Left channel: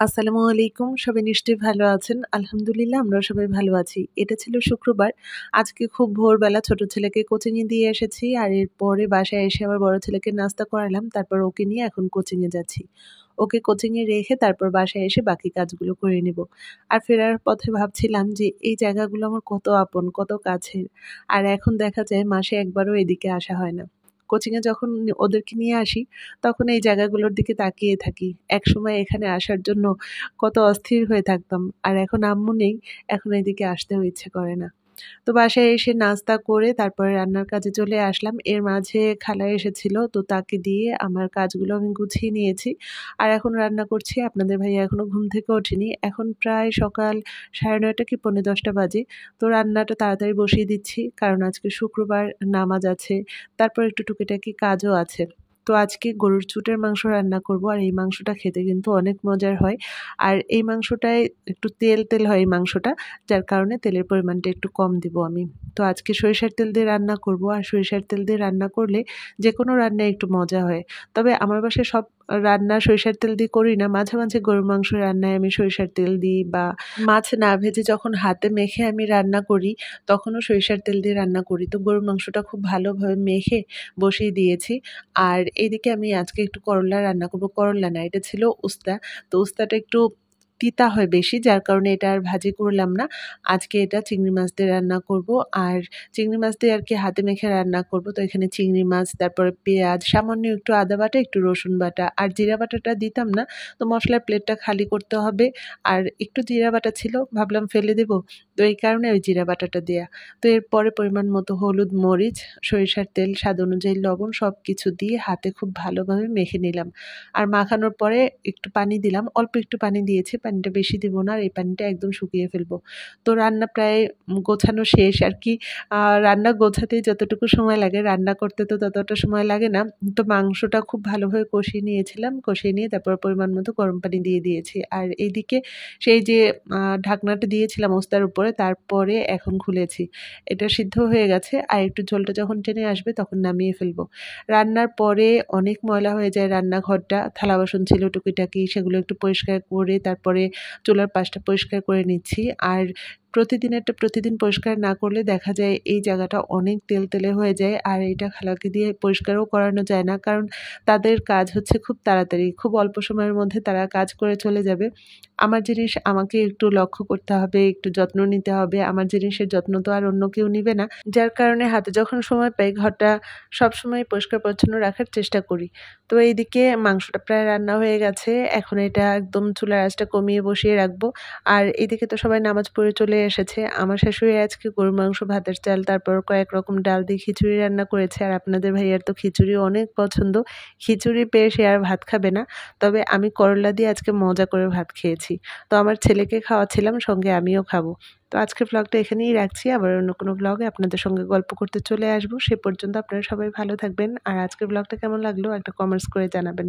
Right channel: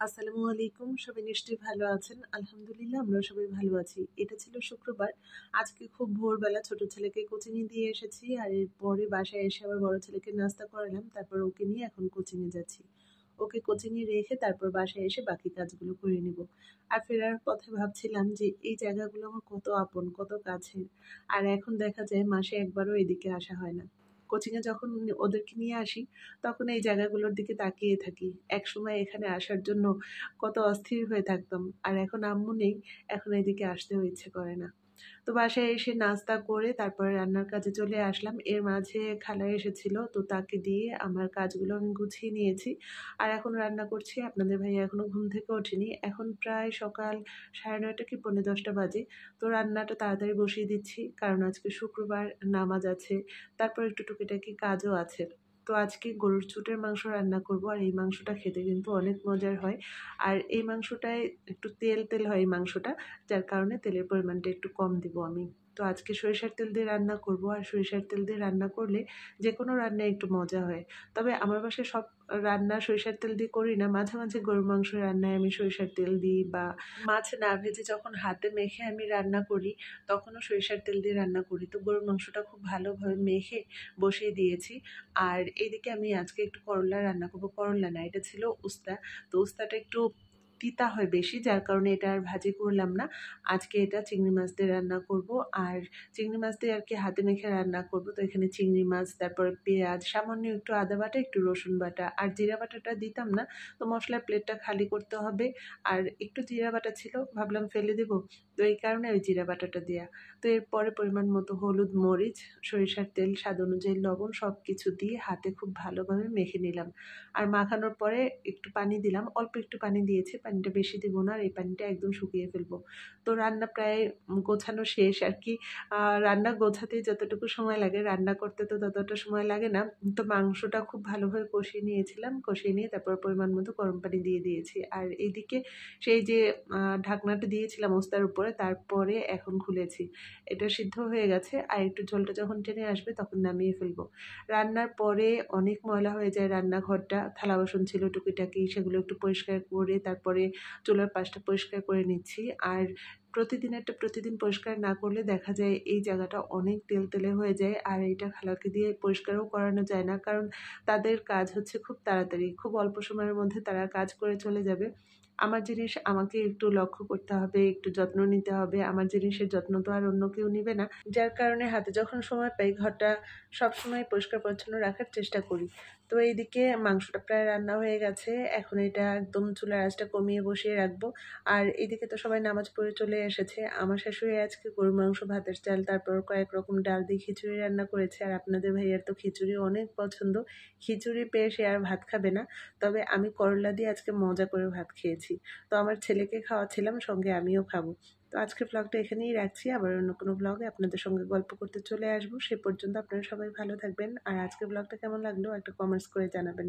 আসসালামু আলাইকুম। সবাই নিশ্চয়ই ভালো আছেন। আলহামদুলিল্লাহ আমরাও সবাই ভালো আছি। এটা ছিল শুক্রবার। আজকে খুব ভোরবেলা ছোট ছেলেকে কোচিং এ দিয়ে এসেছি। আর এরপরে বাসায় এসে আবার বড় ছেলেকে নাস্তা করালাম। তারপর ওকে নিয়ে এখন কোচিং এ যাচ্ছি। ওকে কোচিং এ রেখে তারপর বাসায় এসে বাকি কাজগুলো করে নিব। আর ফেরার পথে ভাবছিলাম যে এই জায়গাগুলো আমার কত আপন, কত কাছের। আর এখন দেখা যায় মাসে একবারও এদিকে আসা হয় না। কোচিং এ যখন ওদেরকে নিয়ে আসি তখন এই জায়গাগুলোর দিকে তাকিয়ে থাকি। একসময় এখানে আসার জন্য কত অস্থির হয়ে থাকতাম। আর এখন আম্মু নেই, এখন এদিকে আসতেও ইচ্ছে করে না। তো বাসায় এসে নাস্তা করে তারপরে রান্নার কাজে চলে আসলাম। এর মাঝে খালা এসেছিল। তো তাকে দিয়ে আমার কাজগুলো আমি গুছিয়ে নিয়েছি। আর এখন রান্না করছি। আপনাদের ভাইয়া এখনো ঘুম থেকে ওঠেনি। এখন প্রায় সকাল 9:30 কি 10:45 বাজে। তো রান্নাটা তাড়াতাড়ি বসিয়ে দিচ্ছি। কারণ আজকে শুক্রবার, নামাজ আছে। তারপর একটু টুকিটাকি কাজও আছে। তো আজকে গরুর চুটের মাংস রান্না করব। আর এই মাংসটা খেতে কিন্তু অনেক মজার হয়। আর এই মাংসটায় একটু তেল হয় এই মাংসটা। যার কারণে তেলের পরিমাণটা একটু কম দিব আমি। তো আজকে সরিষার তেল দিয়ে রান্না করব। আর সরিষার তেল দিয়ে রান্না করলে যেকোনো রান্নায় একটু মজা হয়। তবে আমার বাসায় সব রান্না সরিষার তেল দিয়ে করি না। মাঝে, মাঝে গরুর মাংস রান্নায় আমি সরিষার তেল দিই, বা মাছ না ভেজে যখন হাতে মেখে আমি রান্না করি তখনও সরিষার তেল দিয়ে রান্না করি। তো গরুর মাংসটা খুব ভালোভাবে মেখে বসিয়ে দিয়েছি। আর এদিকে আমি আজকে একটু করলা রান্না করব। করলা না, এটা ছিল উস্তা। তো উস্তাটা একটু তিতা হয় বেশি, যার কারণে এটা আর ভাজি করলাম না। আজকে এটা চিংড়ি মাছ দিয়ে রান্না করব। আর চিংড়ি মাছ দিয়ে আর কি হাতে মেখে রান্না করব। তো এখানে চিংড়ি মাছ, তারপরে পেঁয়াজ, সামান্য একটু আদা বাটা, একটু রসুন বাটা আর জিরা বাটাটা দিতাম না। তো মশলার প্লেটটা খালি করতে হবে। আর একটু জিরা বাটা ছিল, ভাবলাম ফেলে দেব। তো এই কারণে ওই জিরা বাটাটা দেয়া। তো এরপরে পরিমাণ মতো হলুদ, মরিচ, সরিষার তেল, স্বাদ অনুযায়ী লবণ সব কিছু দিয়ে হাতে খুব ভালোভাবে মেখে নিলাম। আর মাখানোর পরে একটু পানি দিলাম। অল্প একটু পানি দিয়েছি, পানিটা বেশি দিব না। আর এই পানিটা একদম শুকিয়ে ফেলবো। তো রান্না প্রায় গোছানো শেষ আর কি। রান্না গোছাতেই যতটুকু সময় লাগে, রান্না করতে তো ততটা সময় লাগে না। তো মাংসটা খুব ভালোভাবে কষিয়ে নিয়েছিলাম। কষিয়ে নিয়ে তারপর পরিমাণ মতো গরম পানি দিয়ে দিয়েছি। আর এইদিকে সেই যে ঢাকনাটা দিয়েছিলাম ওস্তার উপরে, তারপরে এখন খুলেছি। এটা সিদ্ধ হয়ে গেছে। আর একটু ঝোলটা যখন টেনে আসবে তখন নামিয়ে ফেলবো। রান্নার পরে অনেক ময়লা হয়ে যায় রান্নাঘরটা। থালা বাসন ছিল টুকিটাকি, সেগুলো একটু পরিষ্কার করে তারপরে চুলার পাশটা পরিষ্কার করে নিচ্ছি। আর প্রতিদিনেরটা প্রতিদিন পরিষ্কার না করলে দেখা যায় এই জায়গাটা অনেক তেলতেলে হয়ে যায়। আর এইটা খালাকে দিয়ে পরিষ্কারও করানো যায় না। কারণ তাদের কাজ হচ্ছে খুব তাড়াতাড়ি, খুব অল্প সময়ের মধ্যে তারা কাজ করে চলে যাবে। আমার জিনিস আমাকে একটু লক্ষ্য করতে হবে, একটু যত্ন নিতে হবে। আমার জিনিসের যত্ন তো আর অন্য কেউ নিবে না। যার কারণে হাতে যখন সময় পাই ঘরটা সবসময় পরিষ্কার পরিচ্ছন্ন রাখার চেষ্টা করি। তো এইদিকে মাংসটা প্রায় রান্না হয়ে গেছে। এখন এটা একদম চুলার আঁচটা কমিয়ে বসিয়ে রাখবো। আর এদিকে তো সবাই নামাজ পড়ে চলে এসেছে। আমার শাশুড়ি আজকে গরুর মাংস, ভাতের চাল, তারপর কয়েক রকম ডাল দিয়ে খিচুড়ি রান্না করেছে। আর আপনাদের ভাইয়ার তো খিচুড়ি অনেক পছন্দ। খিচুড়ি পেয়ে সে আর ভাত খাবে না। তবে আমি করলা দিয়ে আজকে মজা করে ভাত খেয়েছি। তো আমার ছেলেকে খাওয়াচ্ছিলাম, সঙ্গে আমিও খাবো। তো আজকের ব্লগটা এখানেই রাখছি। আবার অন্য কোনো ব্লগে আপনাদের সঙ্গে গল্প করতে চলে আসবো। সে পর্যন্ত আপনারা সবাই ভালো থাকবেন। আর আজকের ব্লগটা কেমন লাগলো একটা কমেন্টস করে জানাবেন।